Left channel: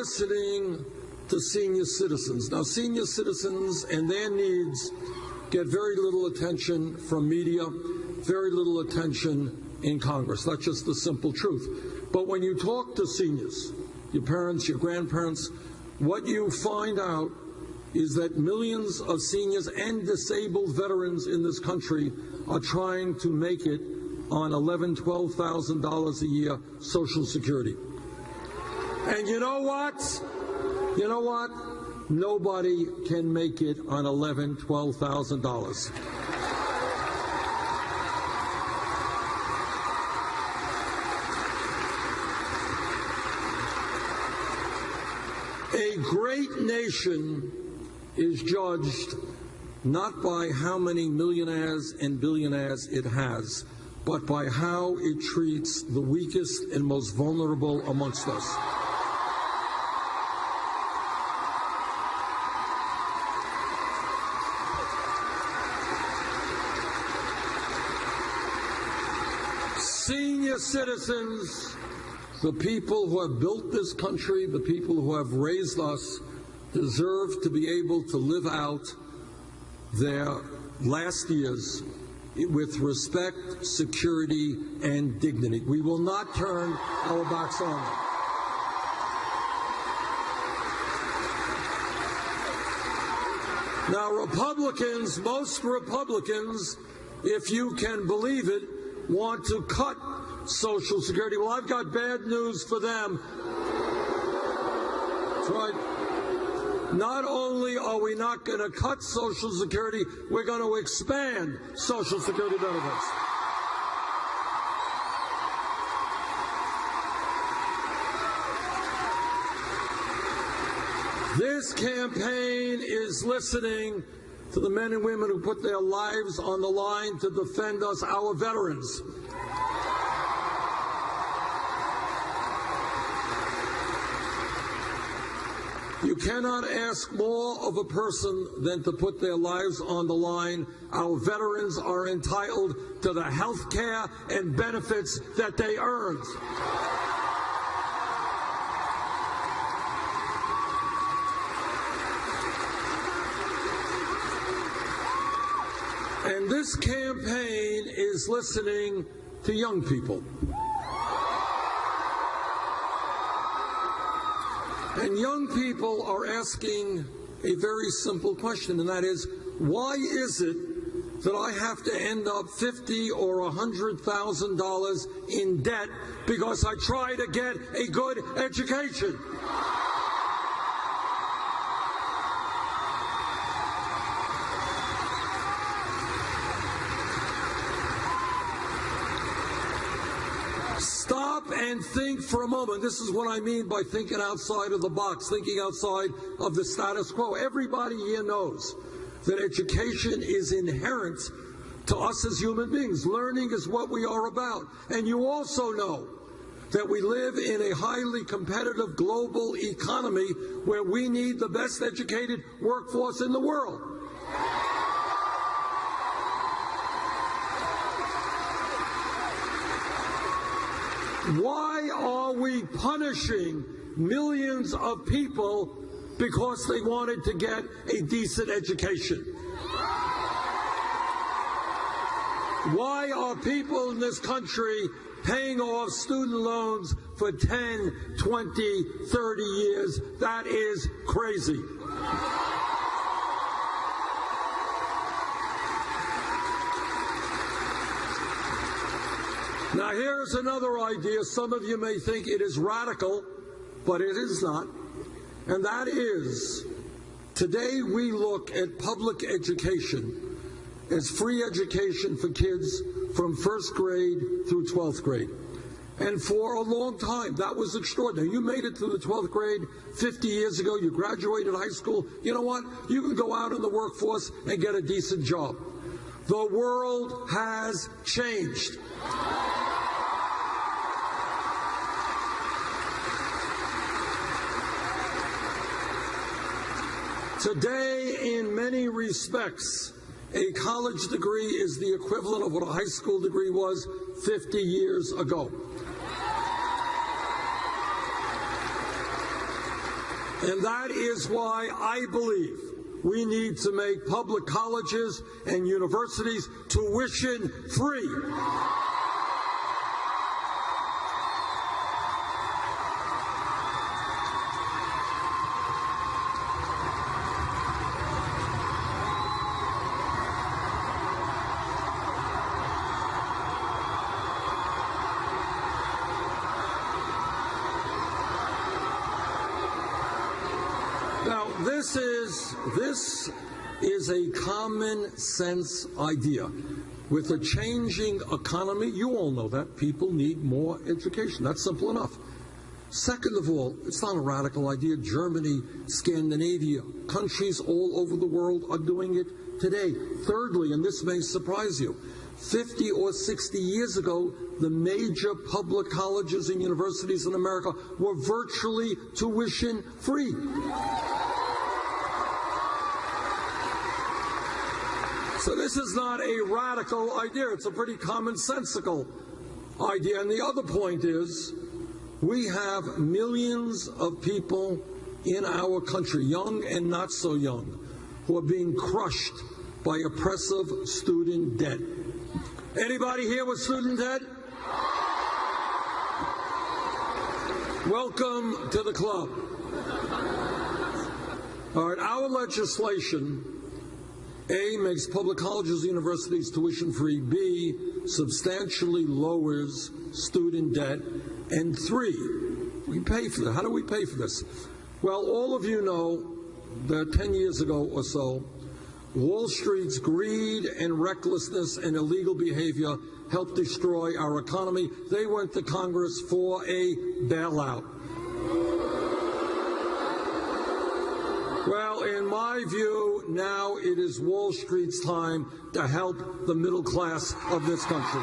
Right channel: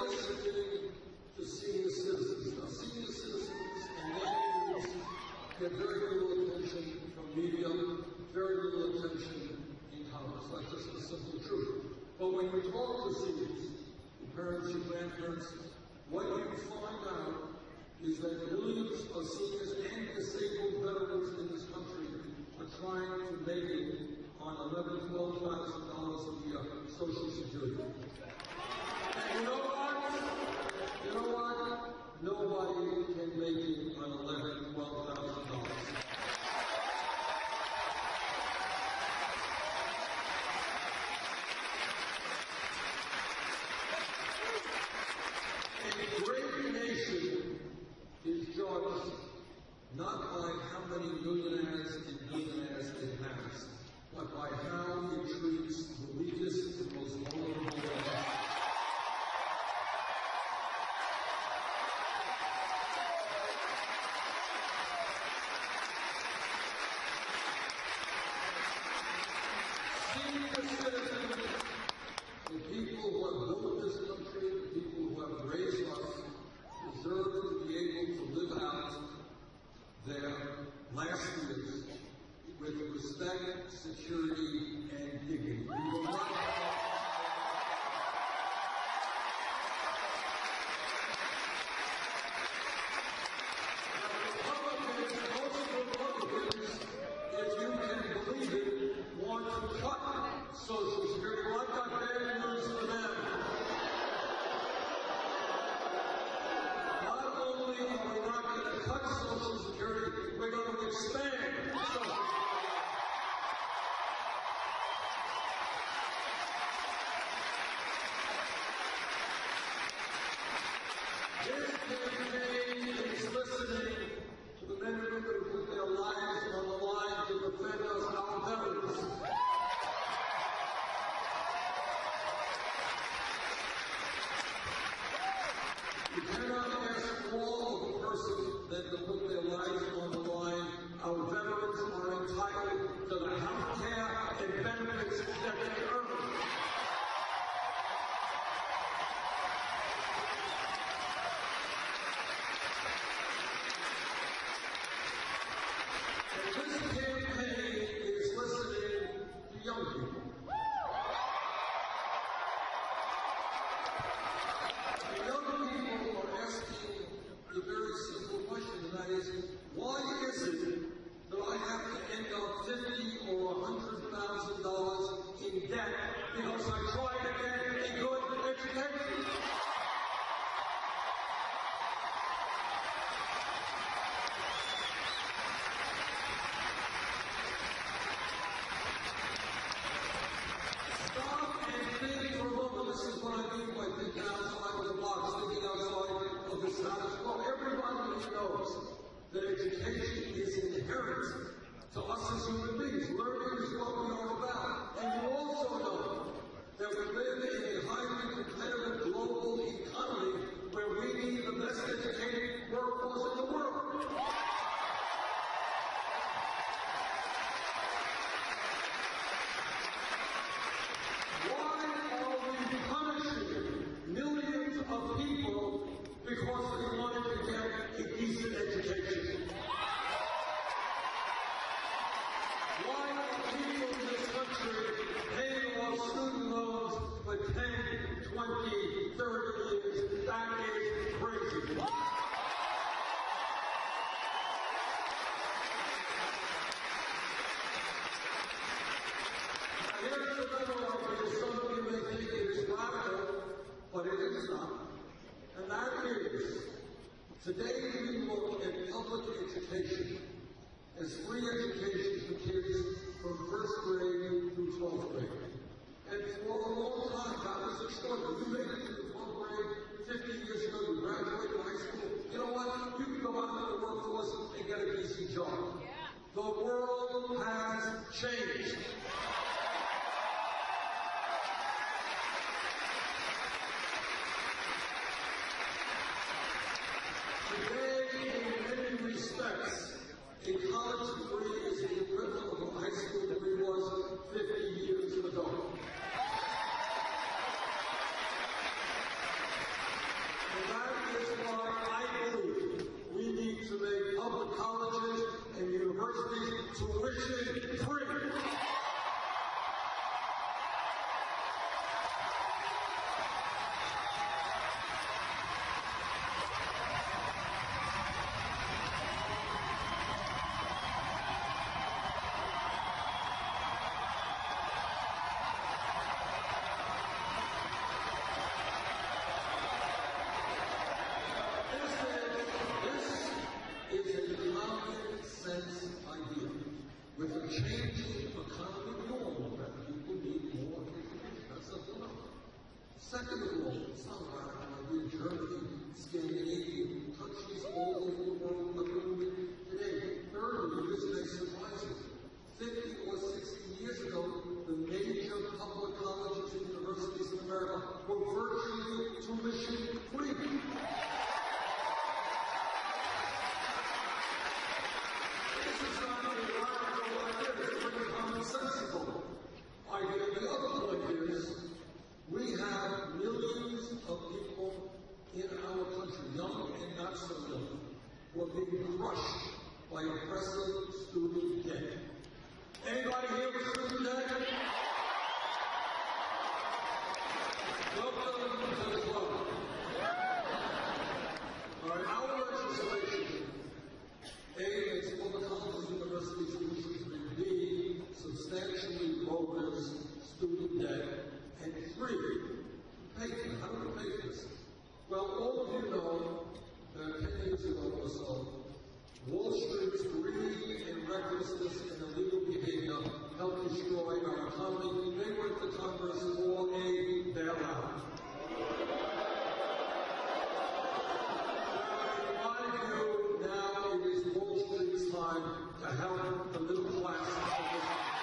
listening to senior citizens. Now, senior citizens and their needs get very little attention from media, very little attention in Congress. That's just the simple truth. But when you talk to seniors, your parents, your grandparents, what you find out is that millions of seniors and disabled veterans in this country are trying to make it on $11,000, $12,000 a year Social Security. And you know what? You know what? Nobody can make it on $11,000, $12,000. A great nation is judged not by how many millionaires and billionaires it has, but by how it treats the weakest and most vulnerable amongst us. Senior citizens, the people who have built this country, the people who have raised us, deserve to be able to live out their last years with respect, security, and dignity. We will not turn our backs on them. Now, Republicans, most Republicans, if you can believe it, want to cut Social Security. Well, I've got bad news for them. That's right. Not only are we not going to cut Social Security, we're going to expand Social Security benefits. This campaign is listening to the men and women who put their lives on the line to defend us, our veterans. You cannot ask more of a person than to put their lives on the line. Our veterans are entitled to the health care and benefits that they earned. And this campaign is listening to young people. And young people are asking a very simple question, and that is, why is it that I have to end up $50,000 or $100,000 in debt because I try to get a good education? Stop and think for a moment. This is what I mean by thinking outside of the box, thinking outside of the status quo. Everybody here knows that education is inherent to us as human beings. Learning is what we are about. And you also know that we live in a highly competitive global economy where we need the best educated workforce in the world. Why are we punishing millions of people because they wanted to get a decent education? Why are people in this country paying off student loans for 10, 20, 30 years? That is crazy. Now, here's another idea. Some of you may think it is radical, but it is not. And that is, today we look at public education as free education for kids from first grade through 12th grade. And for a long time, that was extraordinary. You made it through the 12th grade 50 years ago. You graduated high school. You know what? You can go out in the workforce and get a decent job. The world has changed. Today, in many respects, a college degree is the equivalent of what a high school degree was 50 years ago. And that is why I believe we need to make public colleges and universities tuition free. Now, this is a common sense idea. With a changing economy, you all know that people need more education. That's simple enough. Second of all, it's not a radical idea. Germany, Scandinavia, countries all over the world are doing it today. Thirdly, and this may surprise you, 50 or 60 years ago, the major public colleges and universities in America were virtually tuition free. So this is not a radical idea. It's a pretty commonsensical idea. And the other point is, we have millions of people in our country, young and not so young, who are being crushed by oppressive student debt. Anybody here with student debt? Welcome to the club. All right, our legislation, A, makes public colleges and universities tuition free, B, substantially lowers student debt, and 3, we pay for that. How do we pay for this? Well, all of you know that 10 years ago or so, Wall Street's greed and recklessness and illegal behavior helped destroy our economy. They went to Congress for a bailout. Well, in my view, now it is Wall Street's time to help the middle class of this country.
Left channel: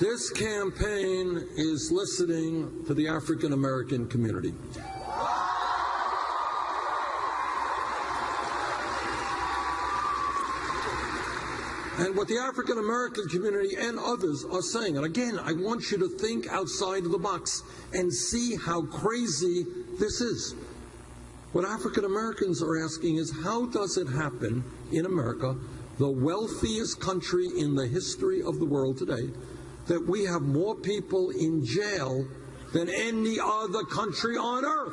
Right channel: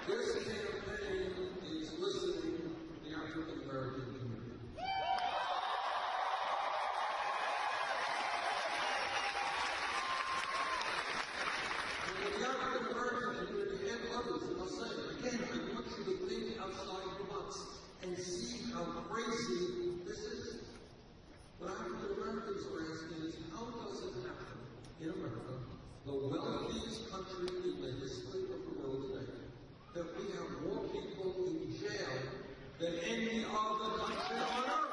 This campaign is listening to the African American community. And what the African American community and others are saying, and again, I want you to think outside of the box and see how crazy this is. What African Americans are asking is, how does it happen in America, the wealthiest country in the history of the world today, that we have more people in jail than any other country on earth?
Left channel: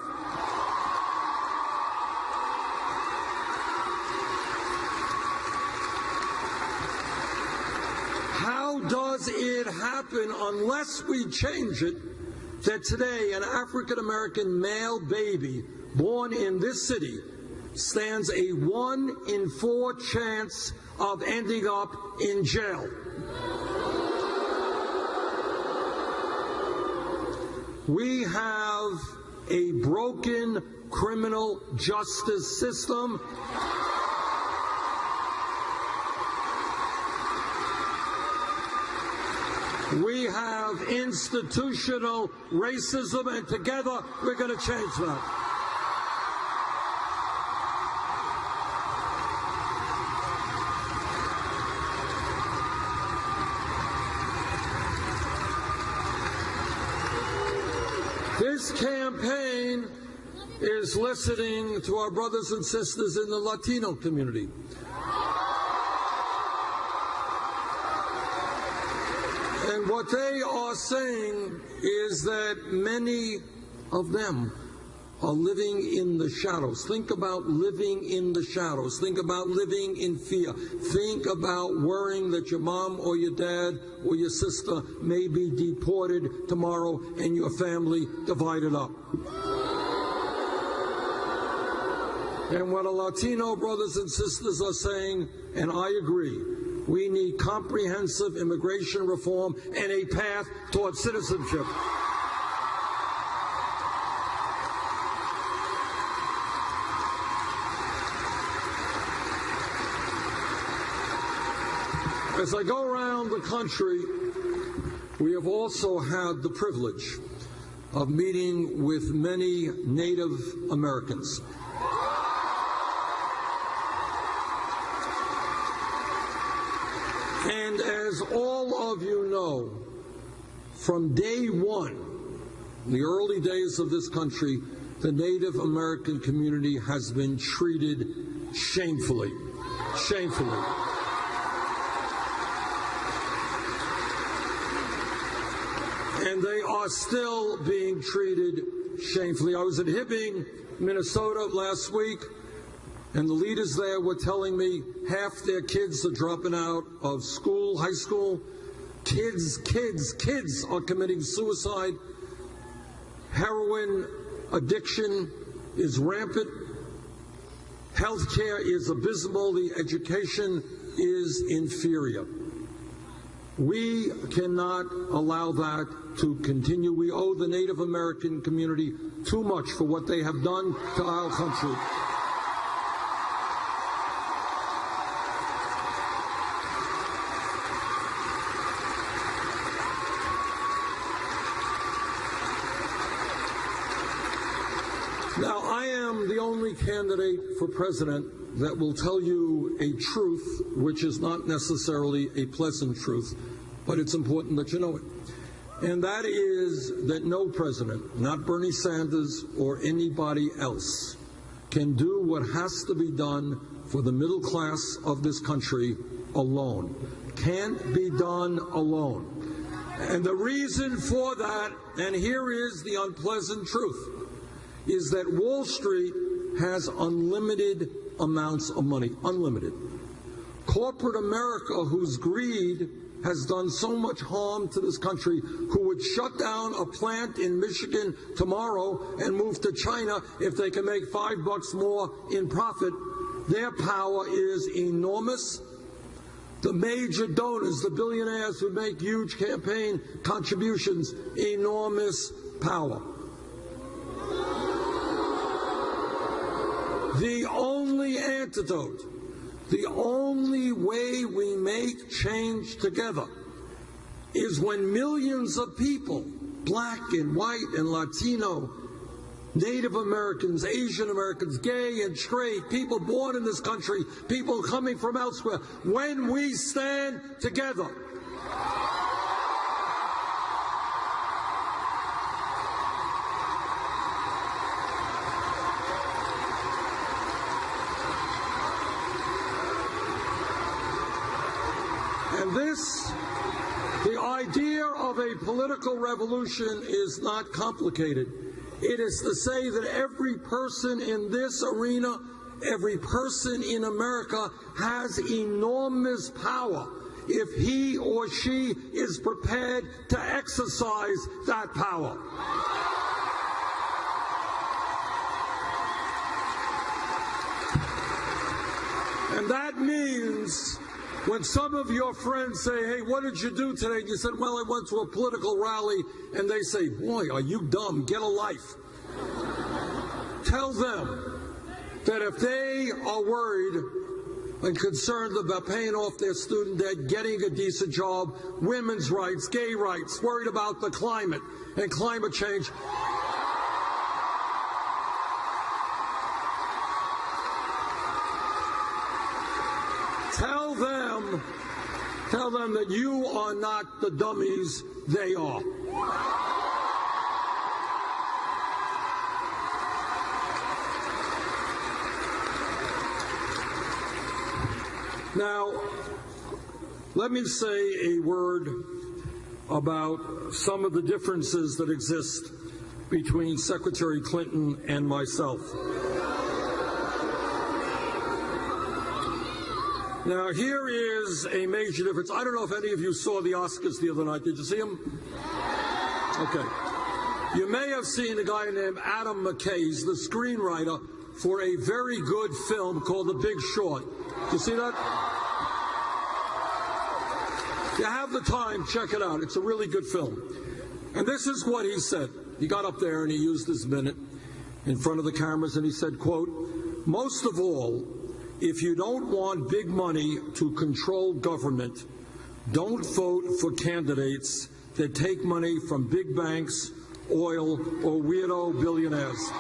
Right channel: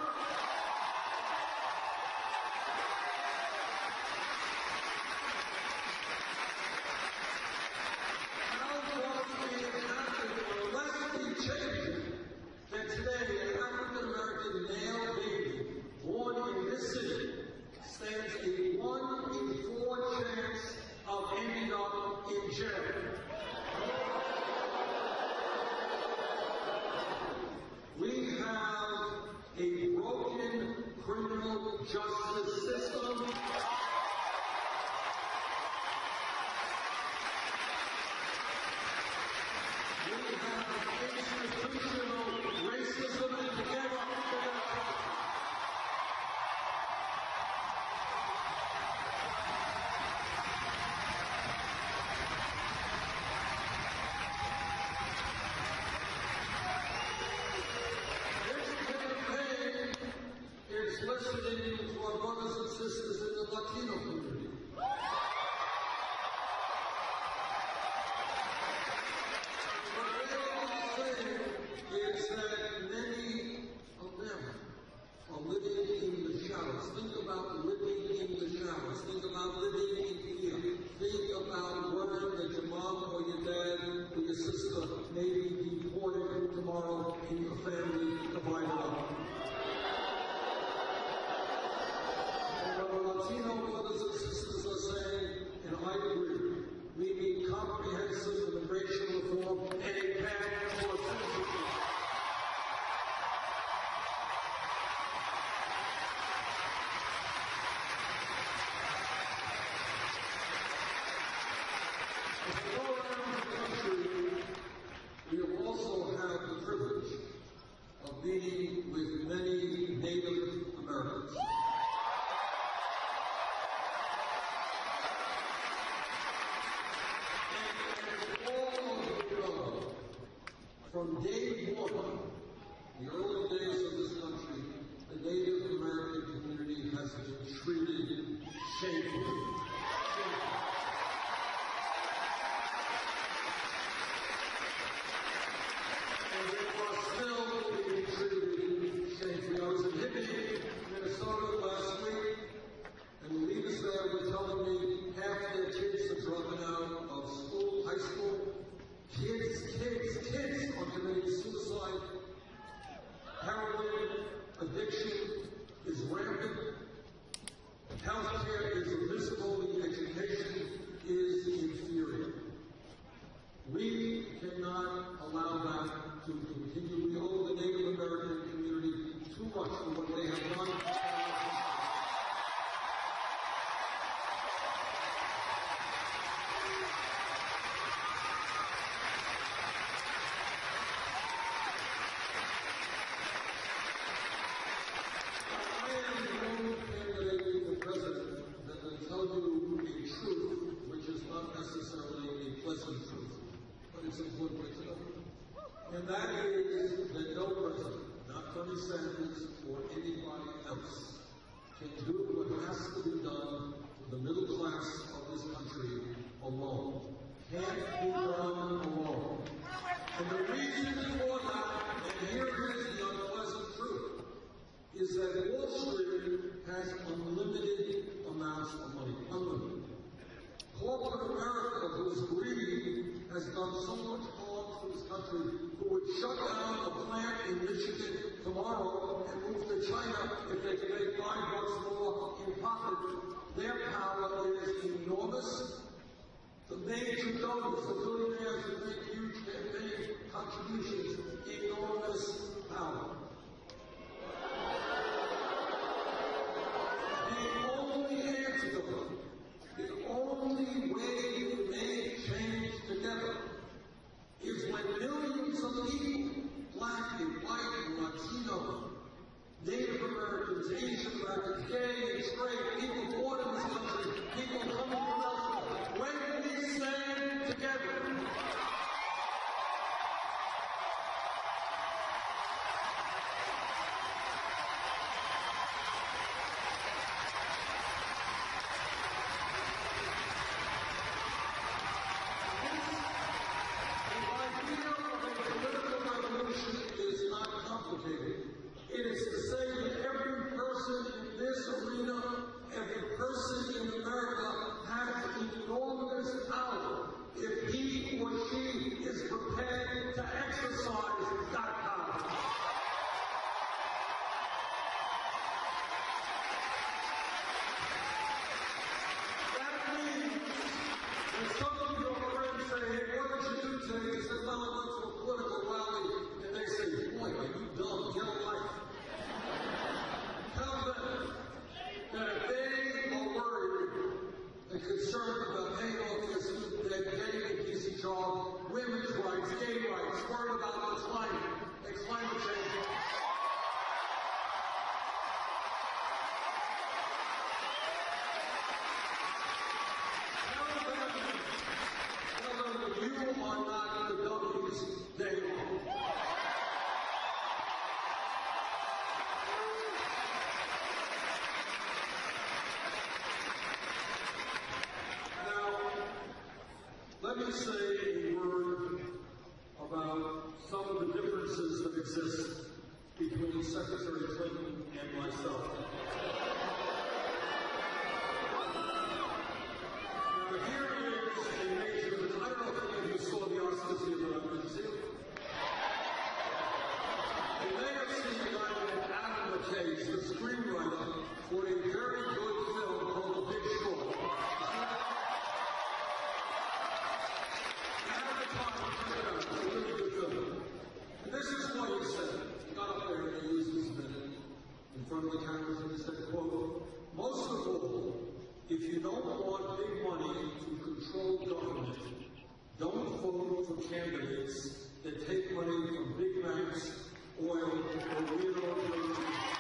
How does it happen, unless we change it, that today an African American male baby born in this city stands a 1 in 4 chance of ending up in jail? We have a broken criminal justice system. We have institutional racism, and together we're going to change that. This campaign is listening to our brothers and sisters in the Latino community. And what they are saying is that many of them are living in the shadows. Think about living in the shadows. Think about living in fear. Think about worrying that your mom or your dad or your sister may be deported tomorrow and your family divided up. And what our Latino brothers and sisters are saying, and I agree, we need comprehensive immigration reform and a path towards citizenship. As I go around the country, we have also had the privilege of meeting with many Native Americans. From day one, in the early days of this country, the Native American community has been treated shamefully. Shamefully. And they are still being treated shamefully. I was in Hibbing, Minnesota last week, and the leaders there were telling me half their kids are dropping out of school, high school. Kids are committing suicide. Heroin addiction is rampant. Healthcare is abysmal. The education is inferior. We cannot allow that to continue. We owe the Native American community too much for what they have done to our country. Now, I am the only candidate for president that will tell you a truth which is not necessarily a pleasant truth, but it's important that you know it. And that is that no president, not Bernie Sanders or anybody else, can do what has to be done for the middle class of this country alone. Can't be done alone. And the reason for that, and here is the unpleasant truth, is that Wall Street has unlimited amounts of money, unlimited. Corporate America, whose greed has done so much harm to this country, who would shut down a plant in Michigan tomorrow and move to China if they can make $5 more in profit, their power is enormous. The major donors, the billionaires who make huge campaign contributions, enormous power. The only antidote, the only way we make change together is when millions of people, black and white and Latino, Native Americans, Asian Americans, gay and straight, people born in this country, people coming from elsewhere, when we stand together, the idea of a political revolution is not complicated. It is to say that every person in this arena, every person in America has enormous power if he or she is prepared to exercise that power. And that means when some of your friends say, hey, what did you do today? And you said, well, I went to a political rally. And they say, boy, are you dumb? Get a life. Tell them that if they are worried and concerned about paying off their student debt, getting a decent job, women's rights, gay rights, worried about the climate and climate change, tell them that you are not the dummies they are. Now, let me say a word about some of the differences that exist between Secretary Clinton and myself. Now, here is a major difference. I don't know if any of you saw the Oscars the other night. Did you see them? Okay. You may have seen a guy named Adam McKay, the screenwriter for a very good film called The Big Short. Did you see that? If you have the time, check it out. It's a really good film. And this is what he said. He got up there and he used his minute in front of the cameras and he said, quote, most of all, if you don't want big money to control government, don't vote for candidates that take money from big banks, oil, or weirdo billionaires.